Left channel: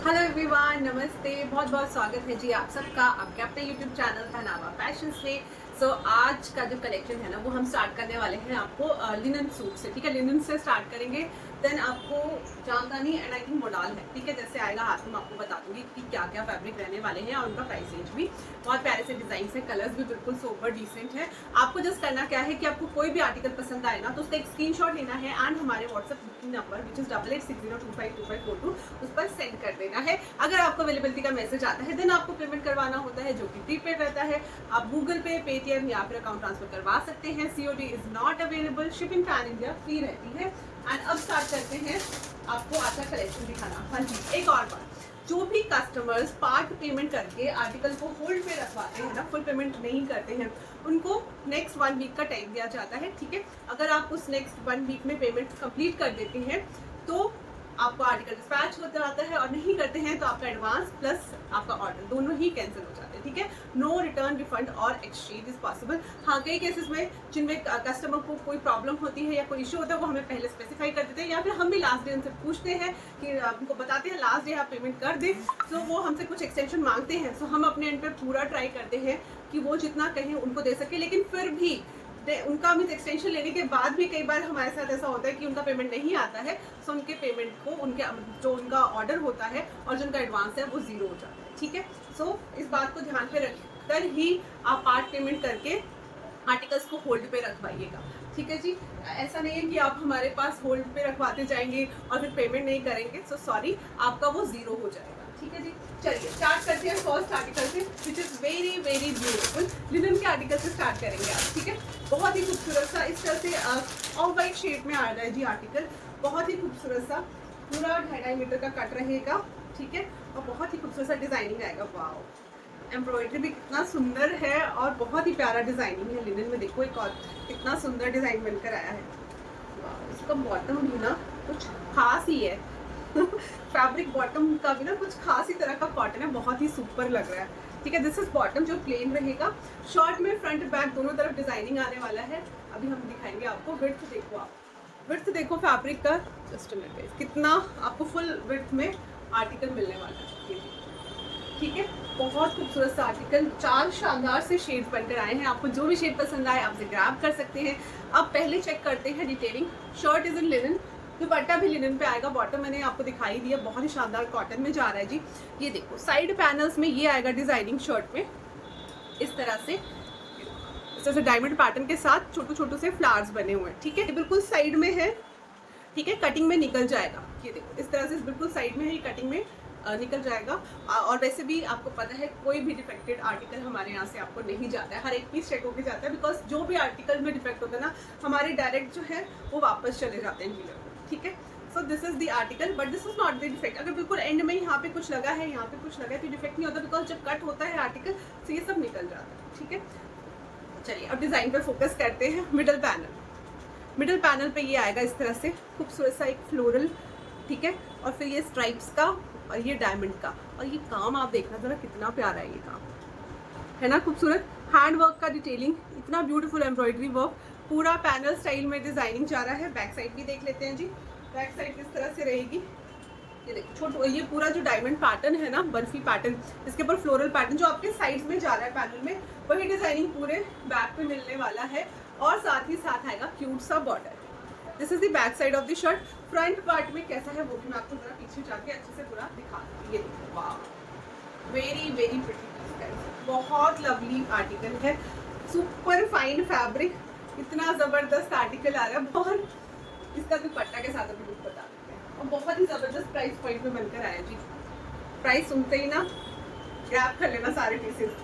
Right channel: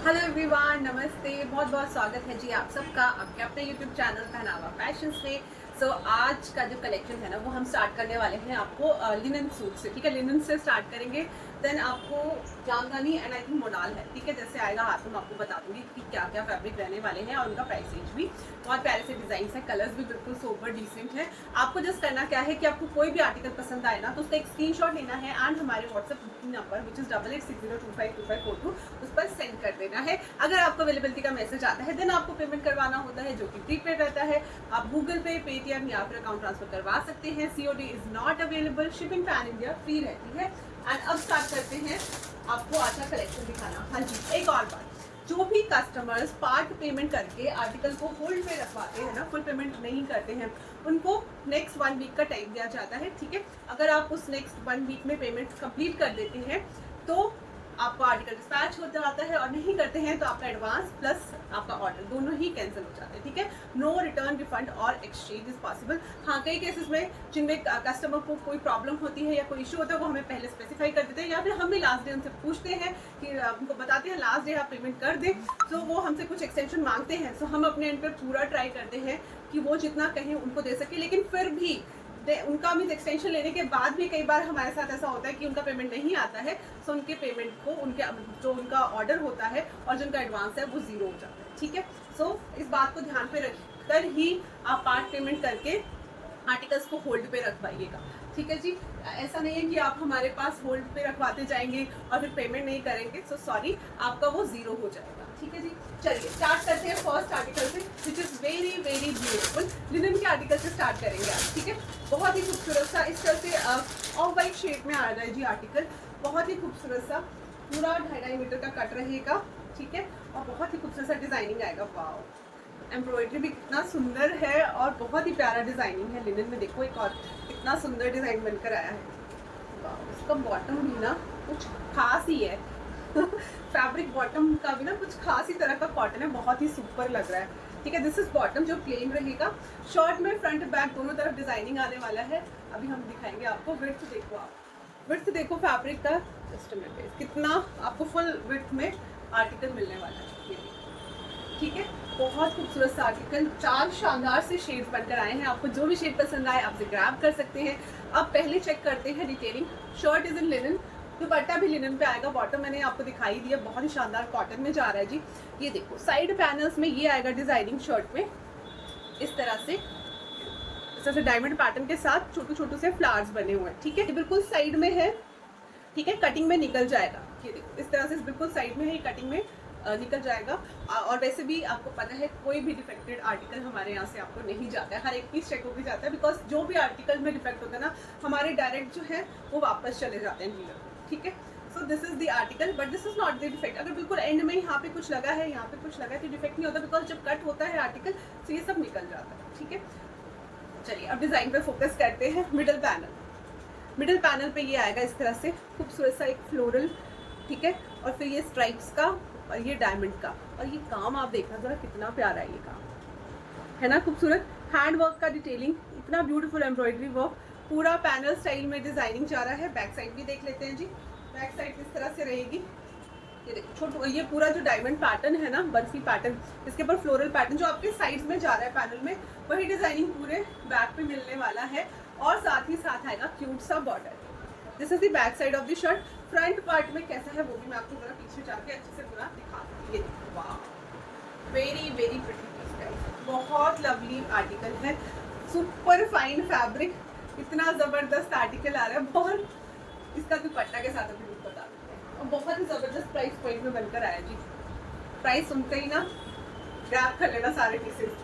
Hello everyone, नमस्ते। बहुत बहुत स्वागत है जी आप सबका आपके अपने यूट्यूब चैनल पहनावा फैशंस में। आज का जो कलेक्शन है ना वो हम स्टार्ट करने वाले हैं आपको लिनन सूट से। ठीक है, लिनन से स्टार्ट करेंगे। देन आपको jamdani and I think modal है। ठीक है, जैसे आएगा हाथ में आपको बता दूंगी कि क्या क्या फैब्रिक रहने वाले हैं और उनका प्राइस रेंज भी। बहुत प्यारे से डिजाइन है, कलर्स भी बिल्कुल सोबर डिसेंट है। आपको जस्ट करना क्या है कि आपको कोई भी आर्टिकल पसंद आए ना तो उसका एक स्क्रीनशॉट लेना है एंड हमारे WhatsApp booking number which is 8860252542 उस पर सेंड कर देना है। अगर आपको अवेलेबिलिटी का मैसेज आता है देन आपको पेमेंट करवाना होता है जो कि प्रीपेड रहता है। आप गूगल पे, पेटीएम या फिर अकाउंट ट्रांसफर करवा सकते हैं। COD is not available, shipping pan India free रहती है। एंड अब स्टार्ट करते हैं आपको अच्छा कलेक्शन दिखाना। हाँ जी, एक और बात, जो भी कस्टमर्स पार्ट पेमेंट करके आर्टिकल को होल्ड पे रखवाते हैं ना, फुल पेमेंट नहीं करते हैं, उनको नेक्स्ट 1 वीक का टाइम दिया जाता है। ठीक है, अगर आप उस नेक्स्ट 1 वीक में पेमेंट कंप्लीट कर देते हैं तो आपका आर्टिकल डिस्पैच हो जाता है, और नहीं करते हैं तो आपका एडवांस प्लस आपका ऑर्डर दोनों ही कैंसिल हो जाते हैं। ठीक है, नो रिटर्न, रिफंड और एक्सचेंज इज पॉसिबल। हाँ, कई केसेस में जिनमें कस्टमर को कोई प्रॉब्लम होती है या कोई इशू होता है वो हमें पहले स्पेसिफाई कर देते हैं, या फिर हम भी लास्ट डे उनसे पूछते हैं कि उनको बताते हैं लास्ट डे आप पेमेंट कर दें, तो वो हमसे कुछ एक्सटेंशन मांगते हैं। सो हम अपने एंड पे पूरा ट्राई करते हैं कि वो जितना कहें उनको दे सके, लेकिन फिर भी उनका मीन्स एक्सटेंशन लेने के बाद भी कई बार हमारे साथ ऐसा होता है कि उनका पेमेंट नहीं आता है। सो उनके पेमेंट को उनके जो उनका ऑर्डर होता है और जो उनका एडवांस है वो जीरो हो जाता है। ठीक है, सो इस बात को ध्यान पे रखकर ही आप पार्ट पेमेंट करके आर्टिकल्स को होल्ड पे रखवाइएगा। ठीक है जी, ऐसा नहीं है कि आप हमारे पास होल्ड पे रखवाते जाएंगे और फिर पेमेंट नहीं करेंगे। सो सॉरी, आपका वो जीरो हो जाएगा। ठीक है जी, चलिए स्टार्ट करते हैं फर्स्ट आर्टिकल से which is very very beautiful. Linen के आर्टिकल से स्टार्ट करेंगे आज। ठीक है, बहुत ही खूबसूरत सा इस तरह से ऑफ वाइट शेड में आ रहा है जी आर्टिकल। बहुत ही खूबसूरत सा, पूरा 2.5 मीटर का कट रहेगा। ठीक है, और बहुत ही खूबसूरत सा डिजाइनिंग आएगा। वाओ, एम्ब्रॉयडरी भी कितना सुंदर है और बहुत ही प्यारा डिजाइनिंग है लिनन में। देखो एक और कितना सुंदर डिजाइन बनकर आया है। वाह, इसका बॉटम भी ना कुछ खास ही है। फैब्रिक बॉटम का भी ना कुछ खास ही तरह का कॉटन है, बहुत ही सुपर लग रहा है। ठीक है, दिस इज बॉटम जो प्लेन रहेगा। शॉर्ट में फ्रंट बैक दोनों तरफ डिजाइनिंग आने वाला है। अभी हम दिखाएंगे आपको। विड्थ देखो, आप विड्थ देखो फैब्रिक का, जस्ट मिनट, कितना आपको फुल विड्थ में आर्टिकल मिलने वाला है। ठीक है, बहुत खूबसूरत सा आर्टिकल, 4 शानदार से शेड्स बनकर आए हैं। आपको जो भी शेड पसंद आए आप ग्रैब कर सकते हैं। अब पहले चेक करते हैं detailing. Shirt is in linen, दुपट्टा भी लिनन पे आएगा। बॉटम मैंने आपको दिखाई दिया, बहुत ही शानदार कॉटन में जा रहा है जी। ये देखो साइड पैनल्स में ये आएगा डिजाइनिंग शर्ट में इस तरह से डायमंड पैटर्न के साथ छोटे छोटे से फ्लावर्स बने हुए हैं। ठीक है, बिल्कुल साइड में है। ठीक है, कटिंग में निकल जाएगा। ये देखो इस तरह से बिल्कुल साइड में है, ये कटिंग में निकल जाएगा। और वैसे भी आपको पता है कोई भी डिफेक्टेड आर्टिकल हमारे यहाँ से आपको नहीं जाता है, हर एक पीस चेक होकर जाता है। बिकॉज जो भी आर्टिकल में डिफेक्ट होता है ना, हमारे डायरेक्ट जो है वो वापस चले जाते हैं डीलर को। ठीक है, so this is the article but this is not the defect. अगर बिल्कुल एंड में यहाँ पे कुछ लगा है, यहाँ पे कुछ लगा है तो डिफेक्ट नहीं होता, बिकॉज जब कट होता है आर्टिकल तो ये सब निकल जाता है। ठीक है, चलिए अब डिजाइन पे फोकस करते हैं। मिडिल पैनल पे ये आएगा इस तरह से खूबसूरत सा एक फ्लोरल। ठीक है, और फिर ये स्ट्राइप्स का और ये डायमंड का, और ये काम आप देखना जरा कितना प्यारा है। ये काम है ना खूबसूरत, हैंड वर्क का डिटेलिंग, इतना ब्यूटीफुल एम्ब्रॉयडरी वर्क, पूरा पैनल स्टाइल में डिजाइनिंग जा रहा है। बैक साइड भी देख लेते हैं जी, बैक साइड किस तरह से रहेगी। ये देखो छोटा, ये पूरा जो डायमंड पैटर्न है ना, बर्फी पैटर्न, इसके ऊपर फ्लोरल पैटर्न जो आपके साइड्स में जा रहा है पैनल में, वही डिजाइनिंग पूरे बैक पे मिलने वाला है। और साथ ही साथ आएगा क्यूट सा border. This is the back side of the shirt. Front part में कैसा है वो भी मैं आपको जरा पीछे जाके अच्छे से पूरा दिखा दूँ। ये देखो, वाह, वेरी वेरी प्रिटी पीस है, बहुत लवली आर्टिकल है, सुपर फाइन फैब्रिक, इतना जबरदस्त आर्टिकल आ रहा है। बहुत इसका दुपट्टा के साथ अभी लुक बता देते हैं, और बहुत ही जबरदस्त प्राइस पॉइंट में बनकर आया जी। प्राइस सुनते ही ना ग्रैब कर लेना सारे पीसेस।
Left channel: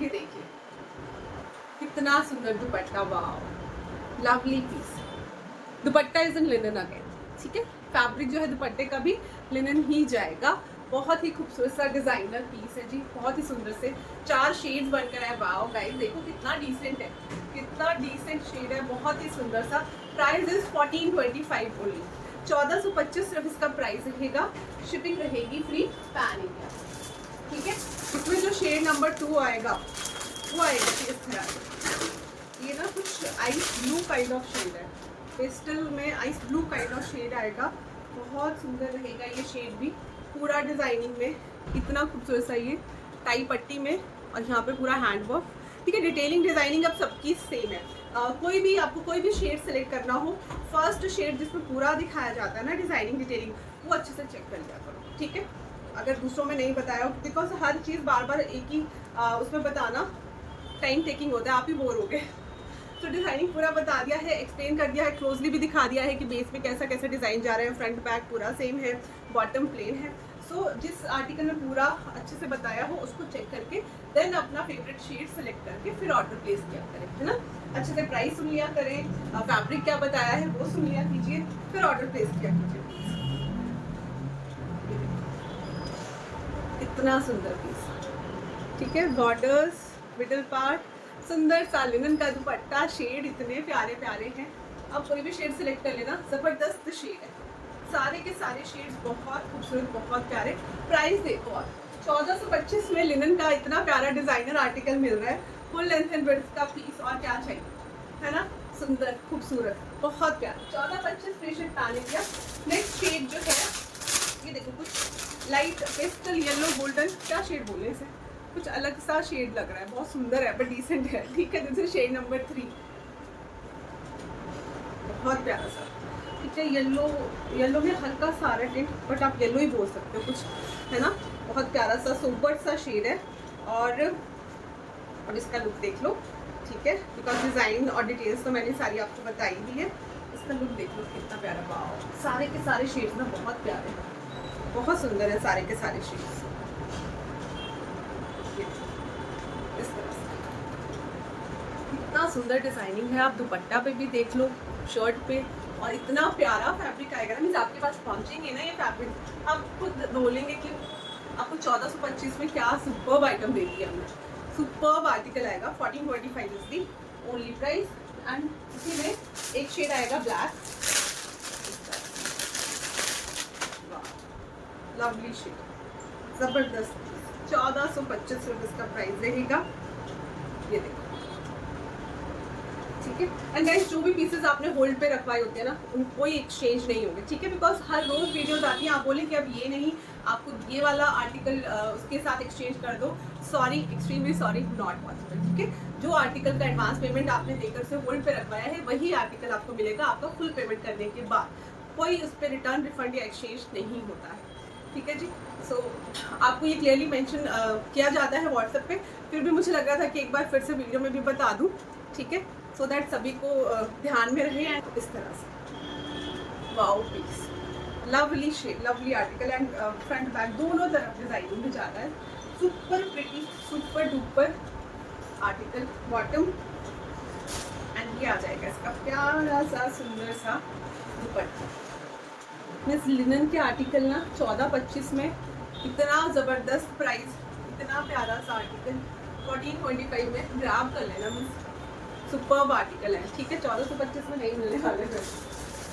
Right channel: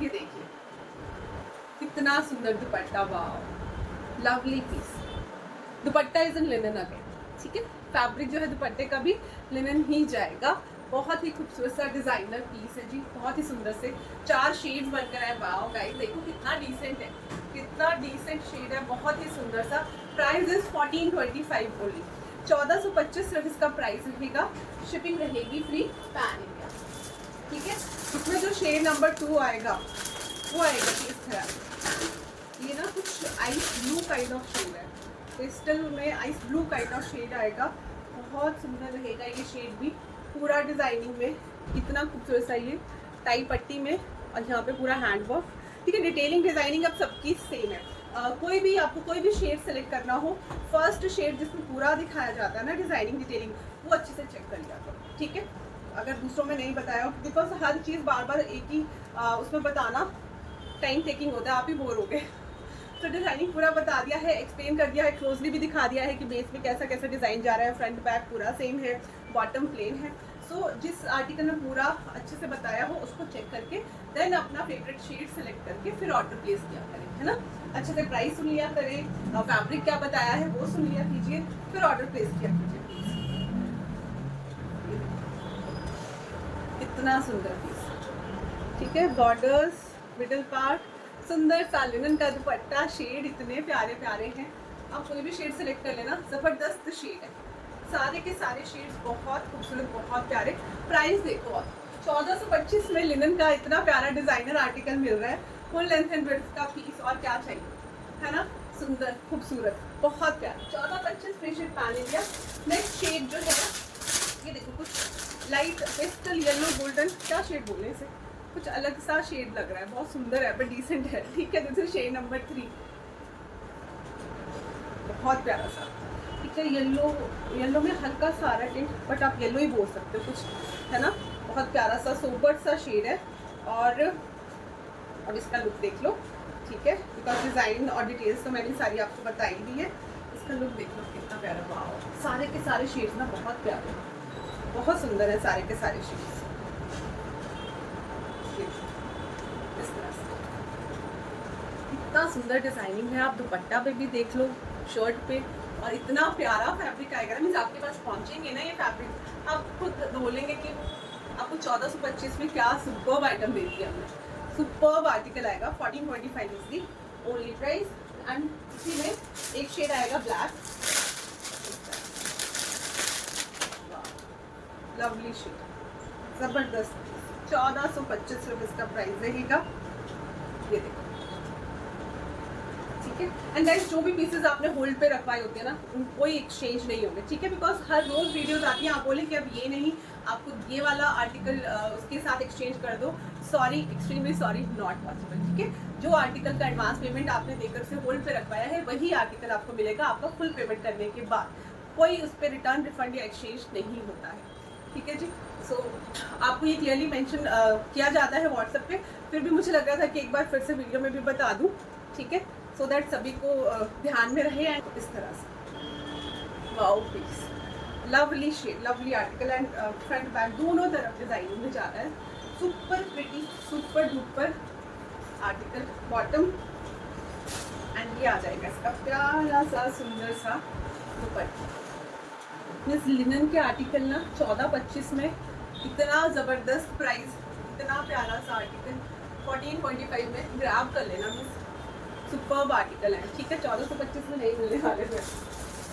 ये देखिए कितना सुंदर दुपट्टा, वाह, lovely piece. Dupatta is in linen again. ठीक है, फैब्रिक जो है दुपट्टे का भी लिनन ही जाएगा। बहुत ही खूबसूरत सा डिजाइनर पीस है जी, बहुत ही सुंदर से 4 शेड्स बनकर है। वाओ गाइस, देखो कितना डिसेंट है, कितना डिसेंट शेड है, बहुत ही सुंदर सा। प्राइस इज 1425 ओनली, 1425 सिर्फ इसका प्राइस रहेगा। शिपिंग रहेगी फ्री पैन इंडिया। ठीक है, इसमें जो शेड नंबर 2 आएगा वो आएगा कि इस तरह, ये ना कुछ ice blue kind of shade है, पेस्टल में ice blue kind of shade आएगा। बहुत सुंदर रहेगा ये शेड भी, पूरा डिजाइनिंग में, इतना खूबसूरत सा ये टाई पट्टी में, और यहाँ पे पूरा हैंड वर्क। ठीक है, डिटेलिंग डिजाइनिंग अब सबकी सेम है। कोई भी आपको कोई भी शेड सेलेक्ट करना हो, फर्स्ट शेड जिसमें पूरा दिखाया जाता है ना डिजाइनिंग डिटेलिंग, वो अच्छे से चेक कर लिया करो। ठीक है, अगर दूसरों में नहीं बताया हो, बिकॉज हर चीज़ बार बार एक ही उसमें बताना टाइम टेकिंग होता है, आप ही बोर हो गए। तो डिजाइनिंग पूरा बता दिया है, एक्सप्लेन कर दिया है, क्लोजली भी दिखा दिया है कि बेस में कैसा कैसा डिजाइन जा रहा है, फ्रंट बैक पूरा सेम है, बॉटम प्लेन है। सो जिस आर्टिकल में पूरा अच्छे से बताया हो उसको चेक करके देन अपना फेवरेट शेड सेलेक्ट करके फिर ऑर्डर प्लेस किया करें, है ना। अच्छे से प्राइस सुन लिया करें, फैब्रिक क्या बताया है वो सुन लिया कीजिए, फिर ऑर्डर प्लेस किया कीजिए। इतना सुंदर पीस, ठीक है, बॉर्डर्स, मिडिल पार्ट, सुंदर सा लिनन का दुपट्टा, शेड इतने प्यारे प्यारे हैं। आप कोई भी शेड सेलेक्ट कर लेना, जबरदस्त शेड है, सारे के सारे शेड्स बहुत खूबसूरत, बहुत प्यारे। प्राइस देखो आप, 1425 में लिनन का इतना प्यारा डिजाइनर आर्टिकल मिल रहा है, फुल लेंथ एंड ब्रेड्थ का पीस, और क्या चाहिए, है ना। सुंदर, खूबसूरत, बहुत प्यारा। 1425 फ्री शिप पहन लिया। नेक्स्ट शेड जो है ये देखो, कुछ लाइट पेस्टल येलो गोल्डन, क्या शेड बोले इसे, कुछ अलग सा शेड लग रहा है, बहुत सुंदर है, बट डिसेंट है। ठीक है, दिस इज शेड नंबर 3, बहुत प्यारा सा। ठीक है, येलो में हल्का सारा टिंट, बट आप येलो ही बोल सकते हो कुछ, है ना। बहुत प्यारा सा सोबर सा शेड है। और अब इसका लुक देख लो, ठीक है, बिकॉज डिजाइन और डिटेल्स तो मैंने सारी आपको बताई दी है। इसका लुक देख लो कितना प्यारा, वाओ, सारे के सारे शेड्स ना बहुत प्यारे हैं, बहुत सुंदर है सारे के सारे शेड्स। इस तरह से इतना सुंदर डिजाइनिंग है, आप दुपट्टा पे भी देख लो, शर्ट पे, और इतना प्यारा फैब्रिक आएगा ना, मीन्स आपके पास पहुंचेंगे ना ये फैब्रिक, आप खुद बोलेंगे कि आपको 1425 में क्या सुपर्ब आइटम दे दिया हमने। सुपर्ब आर्टिकल आएगा, 1425 is the only price. And इसी में एक शेड आएगा ब्लैक, लवली शेड, जबरदस्त, 1425 रुपीज का प्राइस रहेगा, ये देखो। ठीक है, एंड गाइस जो भी पीसेस आपने होल्ड पे रखवाए होते हैं ना, उन कोई एक्सचेंज नहीं होंगे। ठीक है, बिकॉज हर रोज वीडियोस आती हैं, आप बोले कि अब ये नहीं, आपको ये वाला आर्टिकल उसके साथ एक्सचेंज कर दो, sorry, extremely sorry, not possible. ठीक है, जो आर्टिकल का एडवांस पेमेंट आपने देकर से होल्ड पे रखवाया है, वही आर्टिकल आपको मिलेगा आपका फुल पेमेंट करने के बाद, कोई उस पर रिटर्न, रिफंड या एक्सचेंज नहीं होता है। ठीक है जी, सो आपको ये क्लियरली मेंशन किया जाता है व्हाट्सएप पे, फिर भी मुझे लग रहा था कि एक बार फिर से वीडियो में भी बता दूँ। ठीक है, सो दैट सभी को ध्यान में रहे। एंड इस तरह से wow piece, lovely shade, lovely article, and front back दोनों तरफ डिजाइनिंग में जा रहा है, super pretty, super duper article. Bottom, and ये आ जाएगा इसका प्यारा सा सुंदर सा दुपट्टा। इस लिनन के आर्टिकल ना 1425 में इतना ज़बरदस्त प्राइस, इतना प्यारा सा आर्टिकल 1425 में ग्रैब कर लेना, मीन्स सुपर्ब आर्टिकल है। ठीक है, 1425 में नहीं मिलने वाले थे।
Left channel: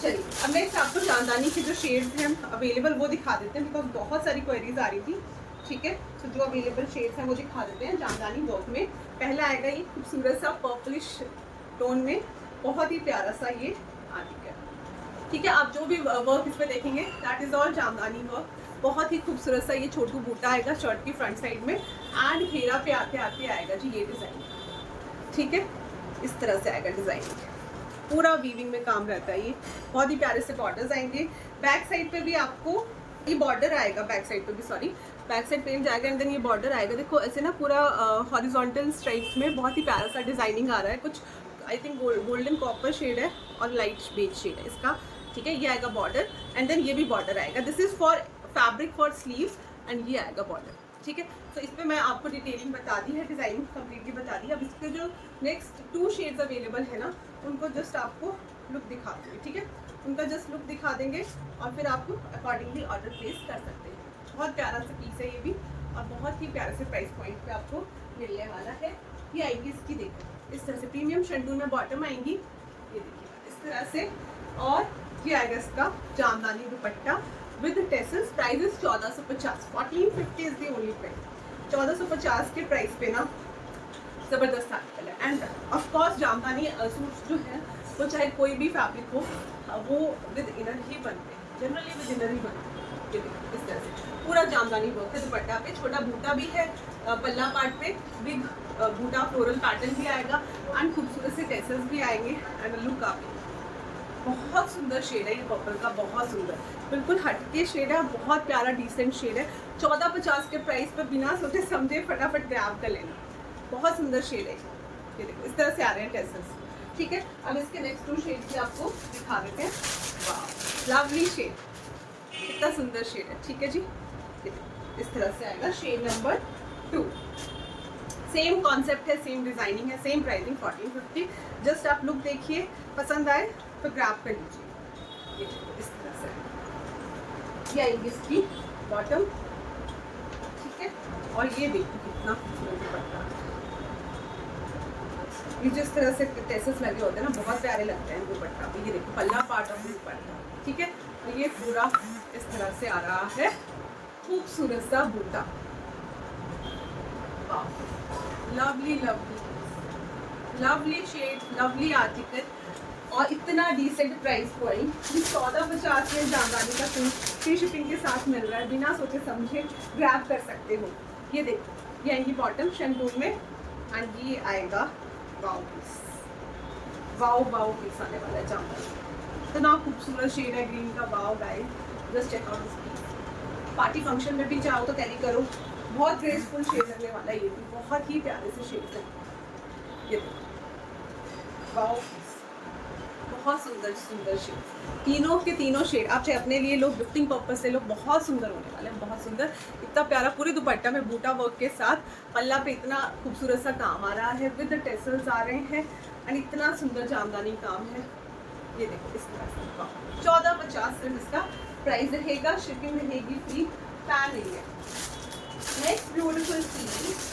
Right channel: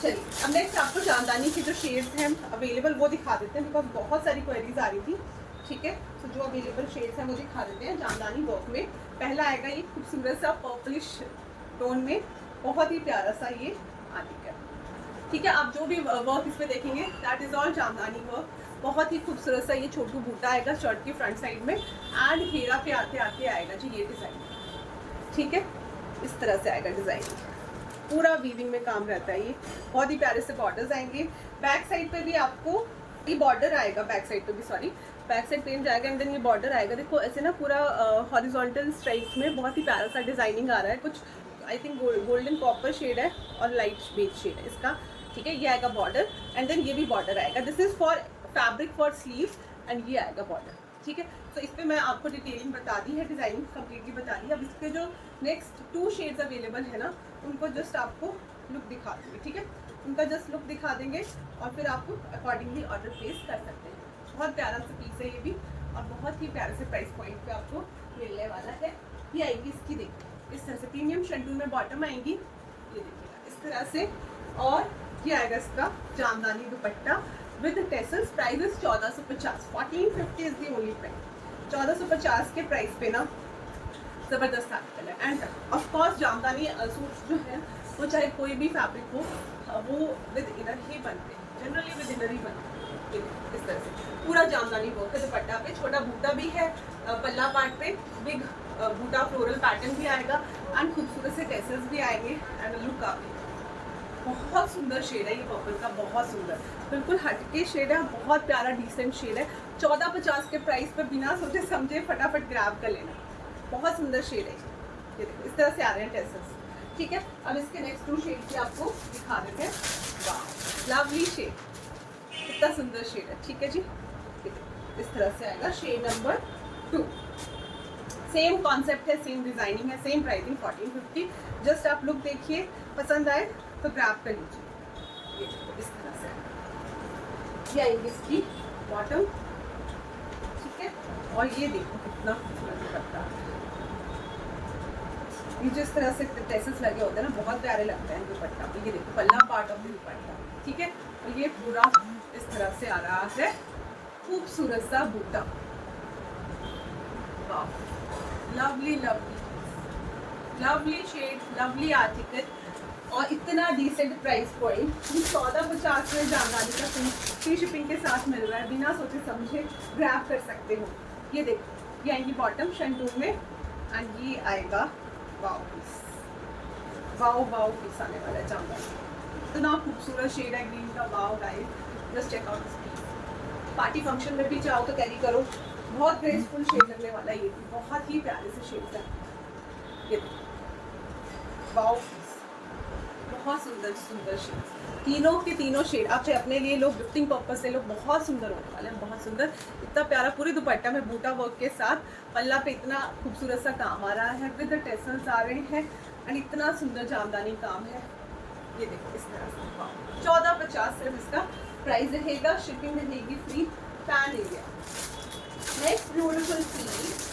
चलिए, अब नेक्स्ट आपको जामदानी के जो शेड्स हैं अवेलेबल वो दिखा देते हैं, बिकॉज बहुत सारी क्वेरीज आ रही थी। ठीक है, तो जो अवेलेबल शेड्स हैं वो दिखा देते हैं जामदानी वर्क में। पहला आएगा ये खूबसूरत सा पर्पलिश टोन में, बहुत ही प्यारा सा ये आर्टिकल। ठीक है, आप जो भी वर्क इस पर देखेंगे that is all jamdani work. बहुत ही खूबसूरत सा ये छोटू बूटा आएगा शर्ट की फ्रंट साइड में, एंड घेरा पे आते आते आएगा जी ये डिज़ाइन। ठीक है, इस तरह से आएगा डिज़ाइन, पूरा वीविंग में काम रहता है ये, बहुत ही प्यारे से बॉर्डर्स आएंगे। बैक साइड पे भी आपको ये बॉर्डर आएगा, बैक साइड पे भी, सॉरी, बैक साइड पेज आएगा, एंड देन ये बॉर्डर आएगा। देखो ऐसे ना पूरा हॉरिजॉन्टल स्ट्राइप्स में बहुत ही प्यारा सा डिजाइनिंग आ रहा है, कुछ I think golden copper shade है और लाइट बेज शेड है इसका। ठीक है, ये आएगा बॉर्डर, एंड देन ये भी बॉर्डर आएगा। This is for fabric for sleeves, and ये आएगा बॉर्डर। ठीक है, तो इस पर मैं आपको डिटेलिंग बता दी है, डिजाइनिंग कंप्लीटली बता दी। अब इसके जो नेक्स्ट 2 शेड्स अवेलेबल है ना, उनको जस्ट आपको लुक दिखा देंगे। ठीक है, उनका जस्ट लुक दिखा देंगे और फिर आपको अकॉर्डिंगली ऑर्डर प्लेस कर सकते हैं। बहुत प्यारा सा पीस है ये भी, और बहुत ही प्यारे से प्राइस पॉइंट पे आपको मिलने वाला है। ये आएगी इसकी, देखो इस तरह से प्रीमियम शंटून में बॉटम आएंगी, ये देखिएगा इस तरह से, और ये आएगा इसका जामदानी दुपट्टा with tassels. Price is 1450, 1450 is the only price. 1450 के प्राइस पे ना ज़बरदस्त आर्टिकल है। एंड ऑफकोर्स जामदानी सूट्स जो है वो चाहे कोई भी फैब्रिक हो, वो विद इनर ही बनते हैं, जनरली विद इनर ही बनते हैं। ये देखो इस तरह से पूरा जामदानी वर्क है दुपट्टा पे, छोटा बूटा भी है पल्ला पार्ट पे, बिग बूटा फ्लोरल पैटर्न भी आएगा एंड खूबसूरत से टेसल्स भी आएंगे एंड लुक आप बहुत सुंदर शेड है ये पर्पल का, बहुत सुंदर बिल्कुल हटके शेड है, बहुत प्यारा डिसेंट शेड है। 1450 के प्राइस पर बिना सोचे समझे फटाफट ग्रैब कर लेना, बहुत सुंदर शेड है ये देखो इस तरह से आ रहे हैं टेसल्स। ठीक है, अब इसके नेक्स्ट 2 शेड भी आपको दिखा देते हैं। वाह लवली शेड, कितना सुंदर शेड है। ठीक है जी, इस तरह से आएगा शेड नंबर 2। सेम कॉन्सेप्ट है, सेम डिजाइनिंग है, सेम प्राइसिंग 1450। जस्ट आप लुक देखिए, पसंद आए तो ग्रैब कर लीजिए। ये देखो इस तरह से ये आएगी इसकी बॉटम। ठीक है, और ये देखो कितना खूबसूरत दुपट्टा, ये जिस तरह से टेसल्स लगे होते हैं ना बहुत प्यारे लगते हैं दुपट्टा पे। ये देखो पल्ला पार्ट ऑफ द दुपट्टा। ठीक है, तो ये पूरा इस तरह से आ रहा है खूबसूरत सा बूटा। Lovely lovely lovely shade, lovely article और इतना डिसेंट प्राइस पॉइंट। 1450 में जामदानी का फ्री शिपिंग के साथ मिल रहा है, बिना सोचे समझे ग्रैब कर सकते हो। ये देखो ये आएंगी बॉटम शंटून में एंड ये आएगा wow piece, wow wow piece आने वाला है जामदानी। इतना खूबसूरत शेड है ग्रीन का, wow guys just check out this piece. Party function में भी चाहो तो कैरी करो, बहुत ग्रेसफुल शेड लगने वाला है ये भी, बहुत ही प्यारे से शेड है। ये वाओ बहुत सुंदर सुंदर शेड, तीनों के तीनों शेड आप चाहे अपने लिए लो, गिफ्टिंग पर्पस से लो, बहुत सुंदर होने वाले हैं, बहुत सुंदर। इतना प्यारा पूरी दुपट्टा में बूटा वर्क के साथ, पल्ला पे इतना खूबसूरत सा काम आ रहा है, विद टेसल्स आ रहे हैं एंड इतना सुंदर जामदानी काम है। ये देखो इस तरह से 1450 सिर्फ इसका प्राइस रहेगा, शिपिंग रहेगी free pan area. Next beautiful piece,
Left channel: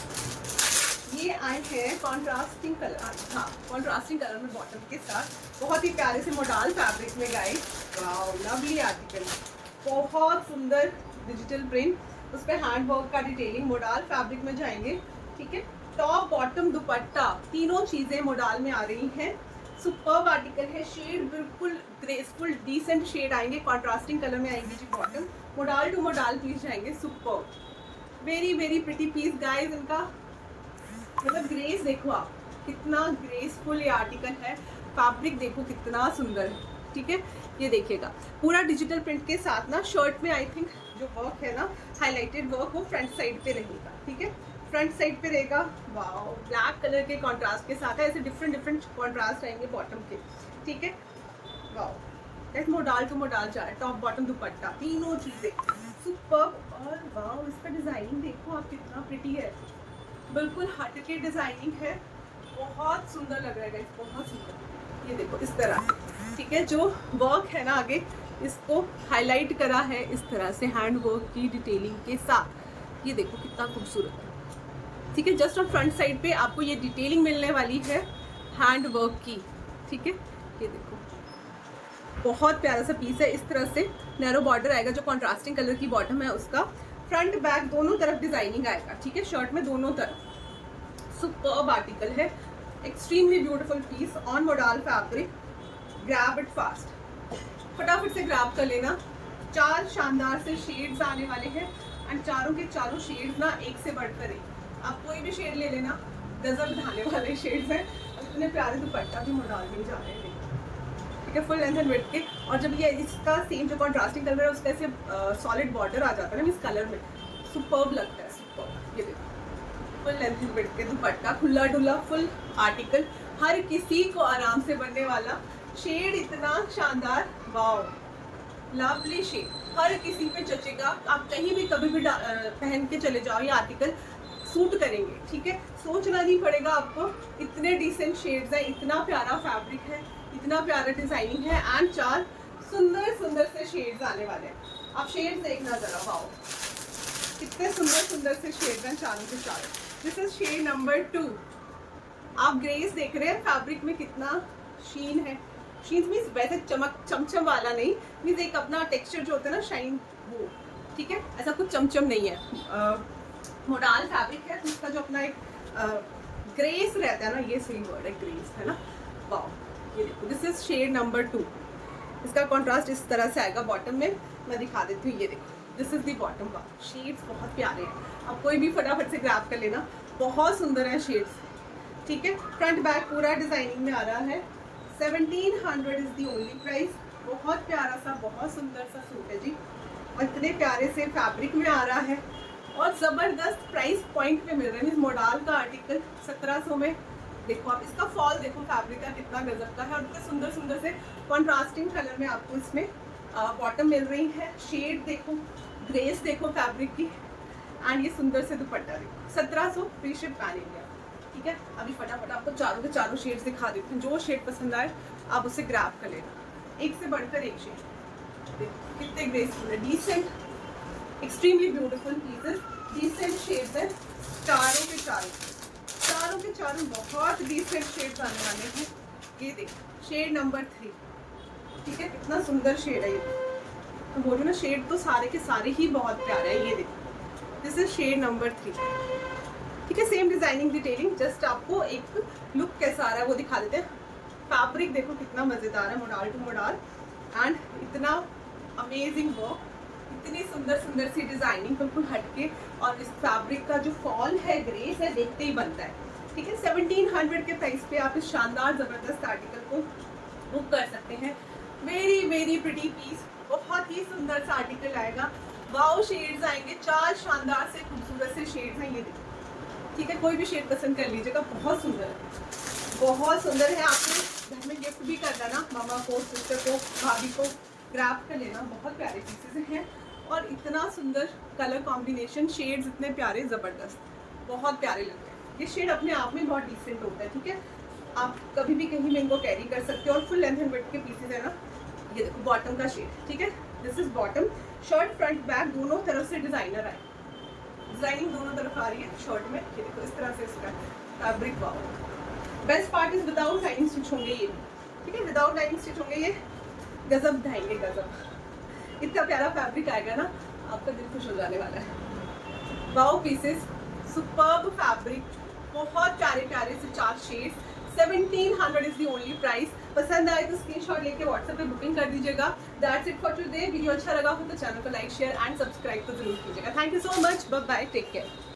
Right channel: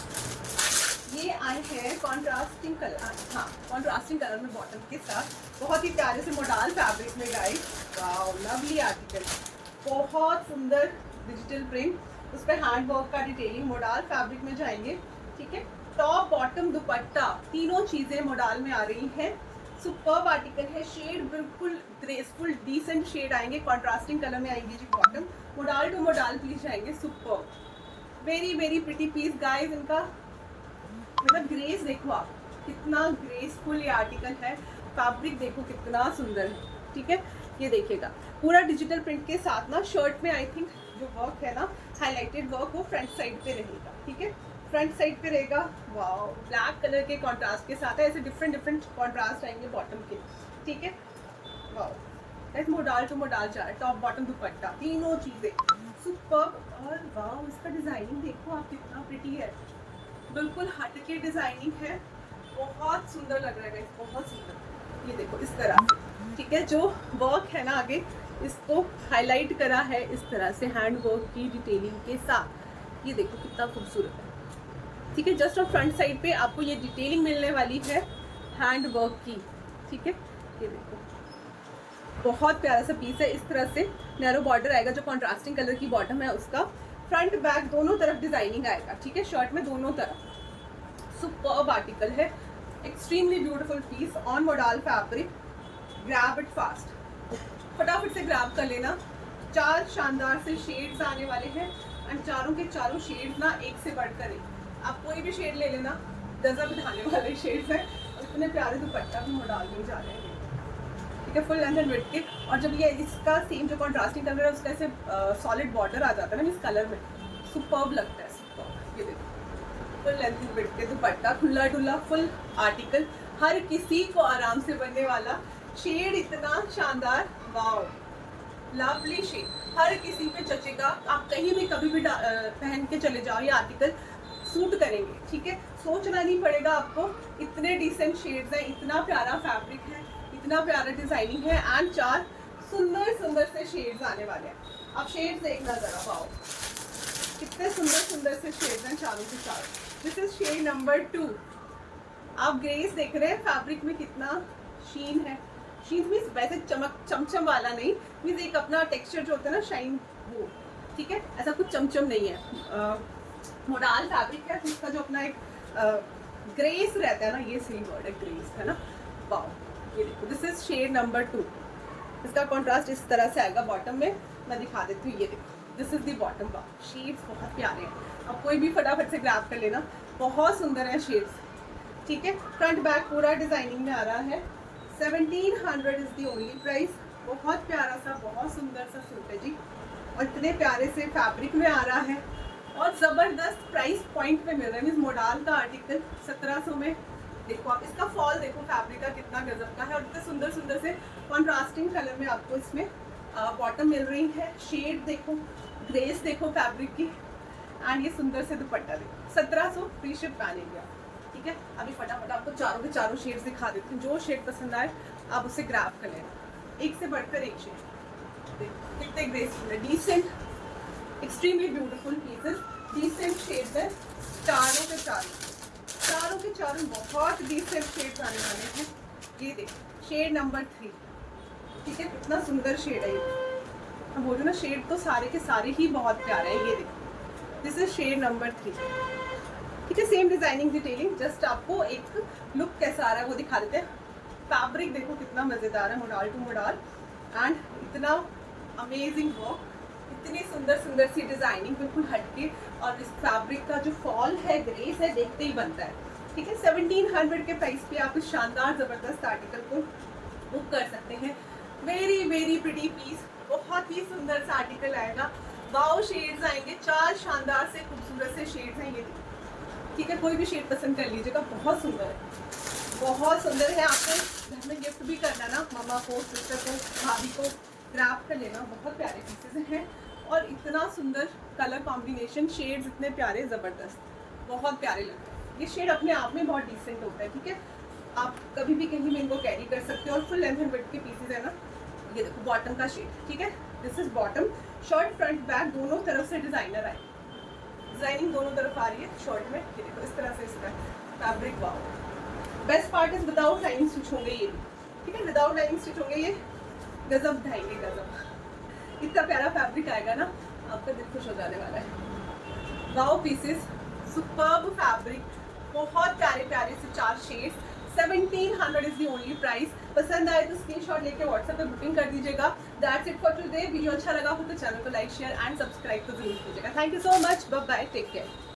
ये आए हैं कॉन्ट्रास्टिंग कलर, हाँ कॉन्ट्रास्टिंग कलर में बॉटम के साथ, बहुत ही प्यारे से मोडाल फैब्रिक में गाइस। वाओ लवली आर्टिकल, बहुत सुंदर डिजिटल प्रिंट, उस पर हैंड वर्क का डिटेलिंग, मोडाल फैब्रिक में जाएंगे। ठीक है, टॉप बॉटम दुपट्टा तीनों चीजें मोडाल में आ रही हैं। सुपर्ब आर्टिकल है, शेड बिल्कुल ग्रेसफुल डिसेंट शेड आएंगे, कॉन्ट्रास्टिंग कलर में आएंगे जी bottom, modal to modal piece जाएंगे। Superb very very pretty piece guys, इनका मतलब ग्रेस देखो आप, कितना ग्रेसफुल ये आर्टिकल है, फैब्रिक देखो कितना सुंदर। ठीक है, ये देखिएगा पूरा डिजिटल प्रिंट के साथ ना, शर्ट में आई थिंक जो वर्क है ना हाईलाइटेड वर्क, वो फ्रंट साइड पे रहेगा। ठीक है, फ्रंट साइड पे रहेगा। वाओ ब्लैक कलर के कॉन्ट्रास्ट के साथ है, ऐसे डिफरेंट डिफरेंट कॉन्ट्रास्ट आएंगे बॉटम के। ठीक है, वाओ ऐसे मोडाल टू मोडाल जा रहा है, टॉप बॉटम दुपट्टा तीनों चीजें सुपर्ब। और वाओ इसका डिजाइनिंग देखो आप, कितना प्रिटी है, बिल्कुल हटके डिजाइनिंग है, बहुत सुंदर लग रहा है, बहुत सुंदर। ये देखो इस तरह से। ठीक है, जो वर्क है ना आगे इसको हाईलाइट करा है इस तरह से हैंड वर्क की डिटेलिंग के साथ। ये देखो कितना खूबसूरत है। ठीक है, जस्ट और फ्रंट साइड पे आपको ये डिटेलिंग मिलने वाली है हैंड वर्क की। ठीक है, ये देखो बहुत प्यारा सा पीस है, इस तरह से नैरो बॉर्डर आएगा, जो कॉन्ट्रास्टिंग कलर की बॉटम है उसका, फ्रंट बैक दोनों तरफ डिजाइनिंग आएगा। ठीक है, शर्ट में दोनों तरफ सुपर्ब आर्टिकल है, extremely beautiful piece on modal fabric. Grab it fast, फटाफट से ग्रैब कर लेना। 4 शानदार से शेड्स आने वाले हैं एंड चारों के चारों शेड्स ना एक से बढ़कर एक, आप कोई भी शेड ले लेना, गजब ढाने वाले शेड्स हैं और इतने प्यारे दुपट्टा भी मोडाल में जा रहे हैं। ठीक है, फुल लेंथ एंड विड्थ के, और जब ये इसका सेम जो कॉन्ट्रास्टिंग कलर है उसका ऐसे सॉलिड बॉर्डर आ जाता है ना इस कलर में, सुपर्ब लगता है, सुपर्ब। ये देखो फुल लेंथ एंड विड्थ के दुपट्टा, खुला डुला फुल आर्टिकल, हर किसी को आराम से बनने वाला, शेड इतना शानदार, वाओ लवली शेड, हर किसी पे जचेगा, आप कहीं भी कभी भी पहन के चले जाओ, ये आर्टिकल सूट करेंगे। ठीक है, सोचना नहीं पड़ेगा आपको, इतने डिसेंट शेड्स हैं, इतना प्यारा फैब्रिक है, इतना प्यारा डिजाइनिंग है एंड 4 सुंदर सुंदर से शेड्स आने वाले हैं। आप शेड्स देखना जरा, वाओ कितने सुंदर सुंदर से शेड्स हैं चारों के चारों। This is shade number 2। आप ग्रेस देख रहे हैं, फैब्रिक में कितना शीन है, शीन मीन्स वैसे चमक चमचम वाला नहीं, मीन्स एक अपना टेक्सचर जो होता है ना शाइन, वो। ठीक है, ऐसा कुछ चमचम नहीं है, मोडाल फैब्रिक है तो इसका जो अपना एक ग्रेस रहता है ना, ये सही वर्ड है ग्रेस, है ना। वाओ ये देखो, दिस इज शेड नंबर 2। इसका कॉन्ट्रास्ट इस तरह से आएगा बॉटम में, मैं दिखा देती हूँ। ये देखो दिस इज द बॉटम का। शेड्स बहुत प्यारे हैं, अब कोई भी फटाफट से ग्रैब कर लेना, बहुत सुंदर है शेड्स। ठीक है, फ्रंट बैक पूरा डिजाइनिंग में आ रहा है। 1700 इज दी ओनली प्राइस। बहुत प्यारा सा, बहुत सुंदर सा सूट है जी, और इतने प्यारे से फैब्रिक में आ रहा है और ज़बरदस्त प्राइस पॉइंट पे मिल रहा है। मीन्स मोडाल का आर्टिकल 1700 में। देखो आप इसका फॉल देखो, फैब्रिक का कितना गजब का है, और इतने सुंदर सुंदर से कॉन्ट्रास्टिंग कलर में आपको इसमें बॉटम मिल रही है। शेड देखो, ग्रेस देखो फैब्रिक की, एंड ये सुंदर से दुपट्टा देखो। 1700 फ्री शिप पैन इंडिया। ठीक है, अभी फटाफट आपको चारों के चारों शेड्स दिखा देती हूँ। जो शेड पसंद आए आप उसे ग्रैब कर लेना, एक से बढ़कर एक शेड। देखो कितने ग्रेसफुल है, decent, extremely beautiful pieces, decent shades है। चारों के चारों बहुत डिसेंट शेड्स आने वाले हैं। ये देखो शेड नंबर 3। ठीक है, कितना सुंदर शेड है ये। तो बोलो ना, शेड तो सारे के सारे ही बहुत प्यारे हैं। ये देखो, दिस इज शेड नंबर 3। ठीक है, सेम डिजाइनिंग डिटेलिंग, जस्ट आपको एक लुक कैसा आ रहा है वो दिखा देते हैं। फैब्रिक देखो कितना मजेदार है, मोडाल टू मोडाल, एंड इतना अमेजिंग वर्क, इतनी सुंदर सुंदर सी डिजाइनिंग बिल्कुल हटके, और इस फैब्रिक का जो फॉल है, ग्रेस है, देखते ही बनता है। ठीक है, 1700 के प्राइस पे आप इस शानदार जबरदस्त आर्टिकल को बुक कर सकते हैं। वेरी वेरी प्रिटी पीस, बहुत ही सुंदर सा आर्टिकल आएगा। वाओ शेड्स आएंगे, 4 शानदार से खूबसूरत से शेड्स हैं ये देखिए। ठीक है, कोई भी शेड पसंद कर लीजिएगा, बहुत सुंदर है, बहुत सुंदर है। आपको घर में गिफ्ट भी करना ना, मामा को, सिस्टर को, भाभी को ग्रैब कर लेना। बहुत प्यारे पीसेस हैं, और इतना सुंदर कलर कॉम्बिनेशन, शेड्स इतने प्यारे, ज़बरदस्त, बहुत प्यारे लगते हैं। ये शेड अपने आप में बहुत डिसेंट होता है। ठीक है, आप कभी भी कहीं में इनको कैरी कर सकते हो, और फुल लेंथ एंड विड्थ के पीसेस है ना। ये देखो बॉटम का शेड। ठीक है, this is bottom. Shirt front back दोनों तरफ से डिजाइनर है, डिजाइनिंग दोनों तरफ आ रही है शर्ट में। ये देखो इस तरह से इसका fabric, wow. Best part is without lining stitch होंगे ये भी। ठीक है, विदाउट लाइनिंग स्टिच होंगे ये, गजब ढाएंगे, गजब। इतना प्यारा फैब्रिक आएगा ना, आपका दिल खुश हो जाने वाला है। वाओ पीसेस, सुपर्ब फैब्रिक, बहुत प्यारे प्यारे से 4 shades. 1700 is the only price. पसंद आए तो स्क्रीनशॉट लेके व्हाट्सएप पे बुकिंग कर दीजिएगा। That's it for today. Video अच्छा लगा हो तो चैनल को लाइक, शेयर एंड सब्सक्राइब तो जरूर कीजिएगा। Thank you so much, bye bye, take care.